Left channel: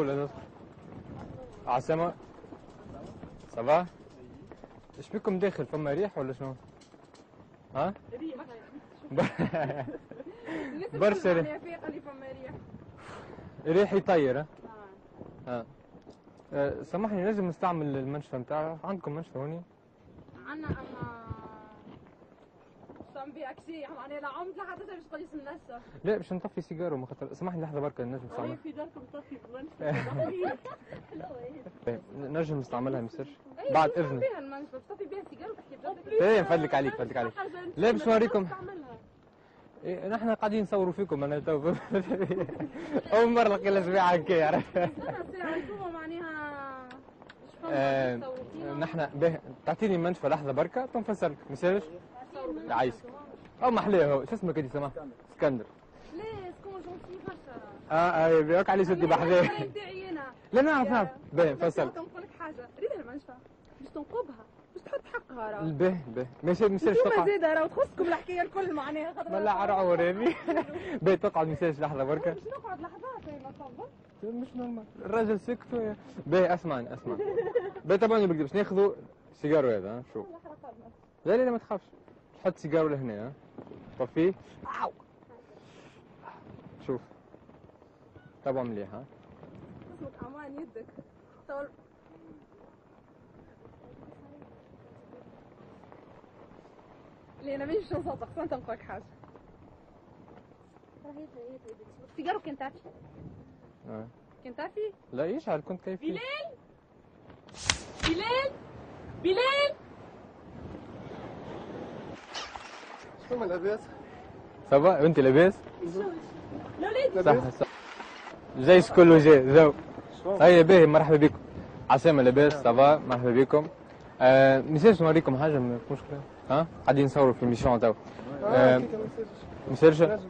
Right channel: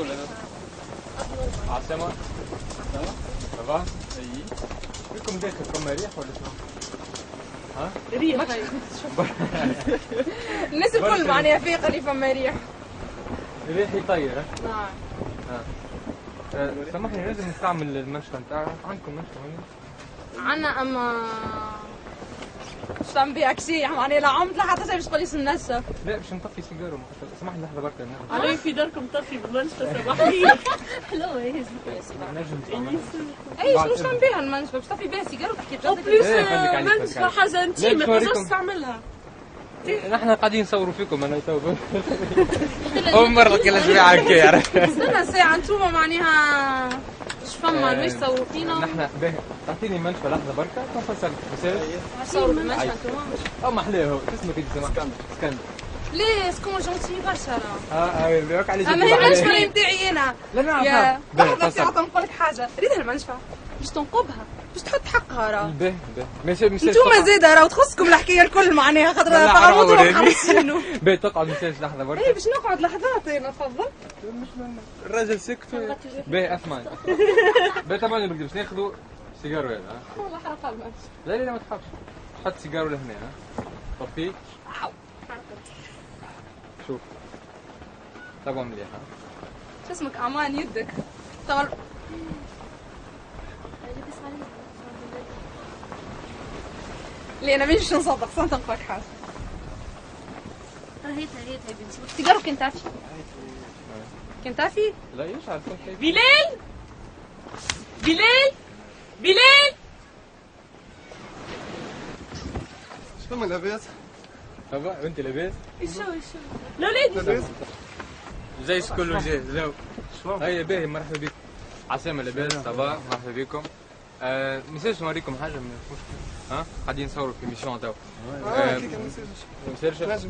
ولا لا؟ عاصمة؟ طبعا؟ فيكم داخل فما ريح ولا شنو؟ ها؟ ريح الناس الكل معناها فيقة اللي فما ريح. ريح يطير ها؟ نعم. سامحني لازم نستعمل المنشفى نتاعها، عندكم منشفى مني؟ عنا اما مش تعمل بيها شيء معناها لا عمت لا حتى شيء باش تقولي ننسف. لا باش نطفي سيجاره ما خاطر سامحني لحظة بركة نجم. علي في داركم طفي بالمنشفى صباحية. حلوة هي. نجم نستعملها. اي شنو تعمل بيها المنشفى؟ باش تطفي بيها سيجاره وتحكي بجد. بليس المنشفى حاجة انتي ما تقدرش تستعملها. نحن قاعدين نصوروا فيكم انا تو. اول مرة كل شوية هكا. استنى ساعة انتوما معناها اش فما باش تصوروا فينا؟ نحن باهي تعطيني منشفى لحظة بركة تنفصل بس تصوروا بالمنشفى انتوما؟ او محلاه هو شو اسمك انت سامح؟ اسكندر. ليه سكون جونتي برشا راه. بياك على اما هي المنشفى نتاعي انا. لا لا يا لحظة ساعة نقول لك حاجة، ريدها المنشفى باش تنقبها باش تحط حقها راه. باهي ماشي انتوما زاده راه تخصكم الحكاية الكل معناها خاطر تغمضوا ومحرصينو. باهي تقعد مساج لحظة بركة. اي باش نقعد لحظات انا تفضل. مش الراجل سكت. باهي اسمعني باهي طبعا اللي باش ناخذوا سيجارة هذا ها. والله حرق المنشفى. لا لا ما تخافش حط سيجارة لهنا ها. طفيه. شوف طبعا مليح ها. شو اسمك امان يدك. طبعا ليه انا مش نصدق صنت نقولك حاجه. هيت بنتي. سيجارو كنت عافي. كنت عافي؟ لا ايش عارف كنت خايف. بلال بلال بلال شنو لاباس؟ طبعا وانت لاباس؟ شو الاولاد جاي كله جاي زو. اي باهي مرحبا بكم. عسامة لاباس صافا مرحبا بكم. نسيت نوريكم حاجة مش مشكل. ها؟ قاعدين نصوروا في ميسيون تو. مسرجة؟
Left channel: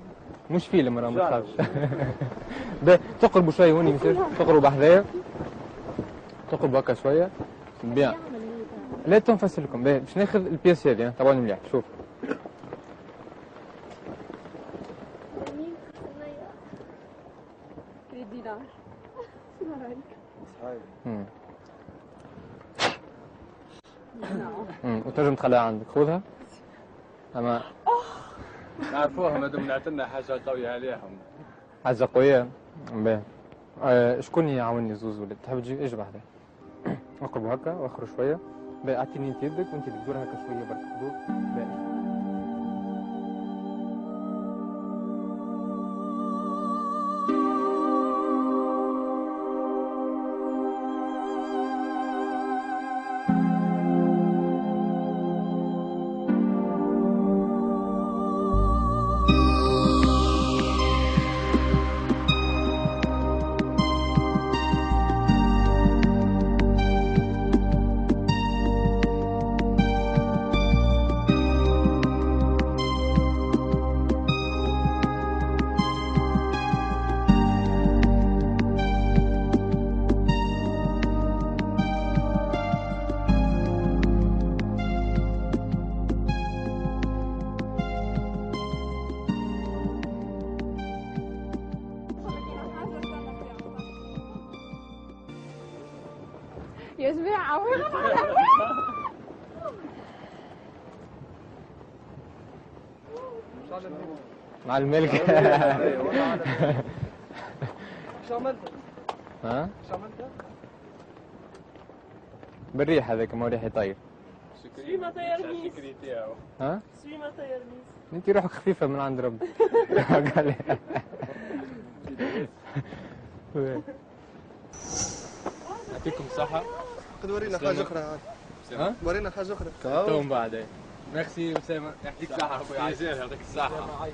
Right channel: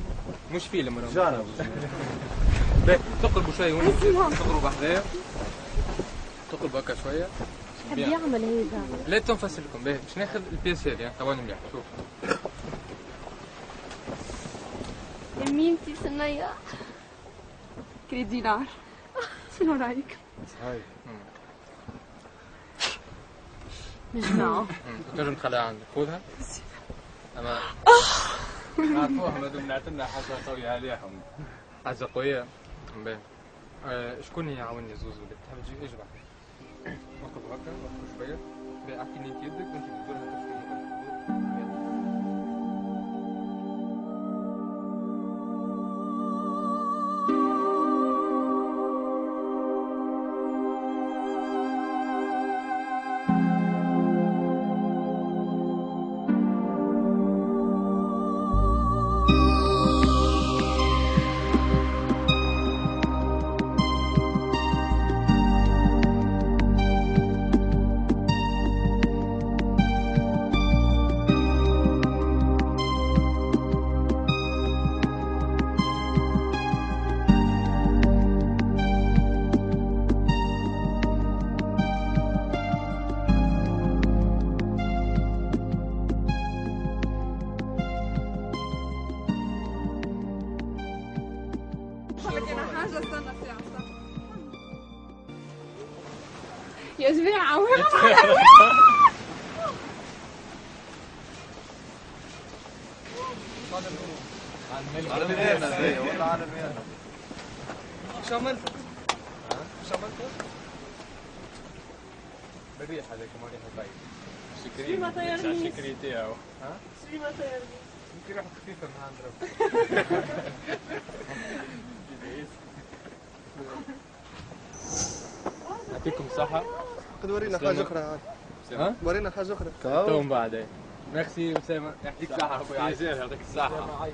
مش فيلم راه ما تخافش. تقربوا شوية هوني تقربوا بحذايا. تقربوا هكا شوية. بيان. يعمل هيك. لا تنفصل لكم باهي باش ناخذ البياس هذه طبعا مليح شوف. يمينتي سنية كريت دينار. شنو رايك؟ مجمعة. وتنجم تخليها عندك خذها. اما نعرفوهم هذوم نعتنا حاجه قويه عليهم. حاجة قوية. باهي. شكون يعاونني زوز ولا تحب تجي اجي بحذايا. اقربوا هكا واخروا شوية. باهي اعطيني انت يدك وانت بتدور هكا شوية برك. يا جماعة وين مع الملك. شو عملت؟ ها؟ شو عملت؟ بالريح هذاك ما ريح يطير. سليمة طيرني. الشكري تاعو. ها؟ سليمة طيرني. انت روحك خفيفة من عند ربي. يعطيكم الصحة. قد ورينا حاجه اخرى. ها؟ ورينا حاجه اخرى. تو من بعد. ميرسي أسامة يعطيك الصحة أخويا. يعطيك الصحه.